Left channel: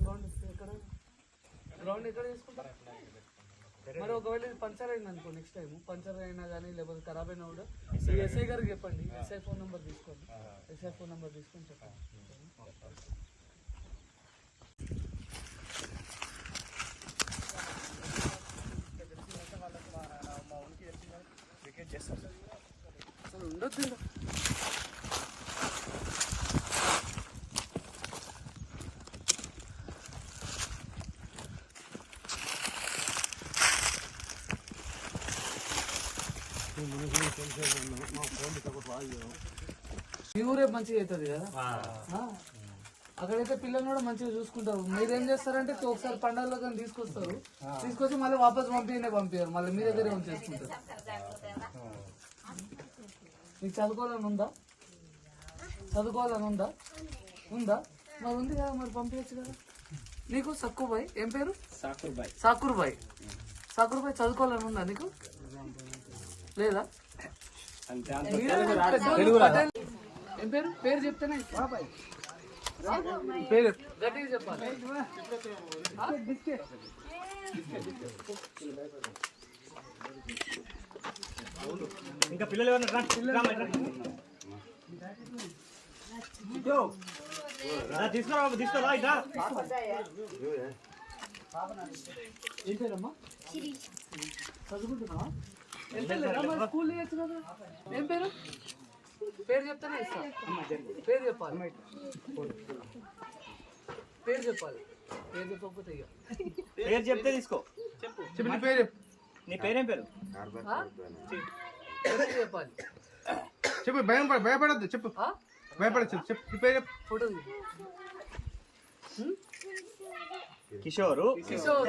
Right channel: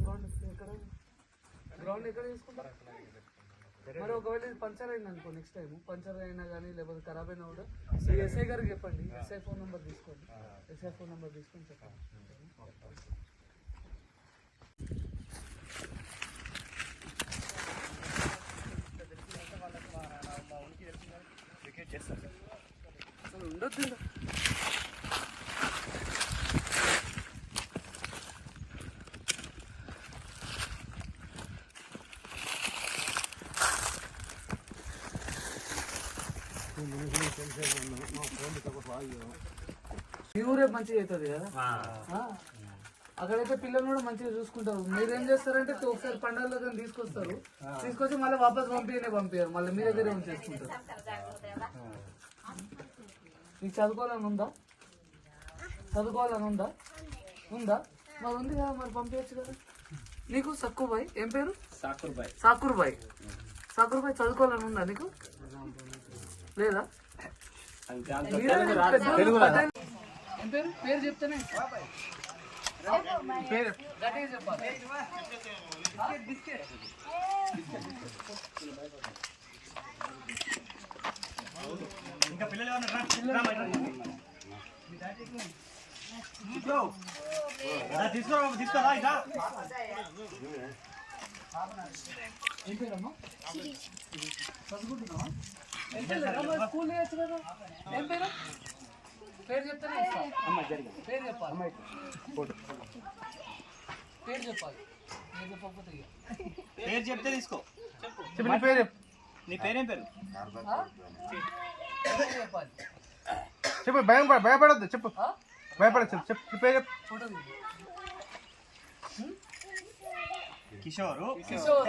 Ground ఎక్కడ? Ground ఎక్కడ తీసుకుంటారు? మరి ఒకవేళ ఇది పంచర్ అయింది అనుకో నెక్స్ట్ టైం పంచర్ అయినా కానీ లేకపోతే ఖరాబ్ అయినా కూడా ఎస్ఐ గారికి చెప్పండి. ఎస్ఐ ఫోన్ నెంబర్ తీసుకోండి. ఎస్ఐ ఫోన్ నెంబర్ తీసుకొని చెప్పండి. అసలు ఉండొద్దు ఈ ఊరే మంచిగా అవుతుంది కదా? ఆ. అక్కడైతే పిల్లలు కూడా మంచిగా చూసుకుంటారు. మీరేం చేస్తారంటే ఒకసారి పండుగలకు తీసుకొస్తారు. తీసుకొచ్చి మళ్ళీ వాపస్ పంపినే పంపించారు మళ్ళీ మీ దగ్గరే ఉంచేసుకుంటారు. నీకు చదువుకోవాలని ఉందా? చదువుకోవాలని ఉందా? ఉందా? మరి ఉంది కదా మరి పంపించచ్చు కదా. నీకు సక్కు బాయ్ ఏం పేరు? సాకుర్ బాయ్ సాకుర్ బాయ్ సాకుర్ బాయ్ చదువుకోవాలని ఉందా నీకు? లేదా పేరు పేరు చెప్తేనే. పేరు గట్టిగా చెప్పాలి ఆ? ఇంకా పిల్లలు ఎవరైనా రా. రా, రా, రా. తీసుకో బాబు, తీసుకోరా ఇదా ఏం పేరమ్మా చదువుకుంటున్నావా స్కూల్ ఏం పేరు? పేరు చెప్తేనే ఇస్తా. పేరు చెప్పాలి. పేరు చెప్పాలి. పేరు చెప్పకపోతే ఇక. పేరు చెప్తే తీసుకో. చెప్పు. నీ పేరు నీ పేరేం పేరు? చెప్పాలి. చెప్పు భయం పడ- భయపడొద్దు చెప్పు? భయపడచ్చు చెప్పు నీ పేరు చెప్పు. ఫోటో కిషోరు. కిషోర్.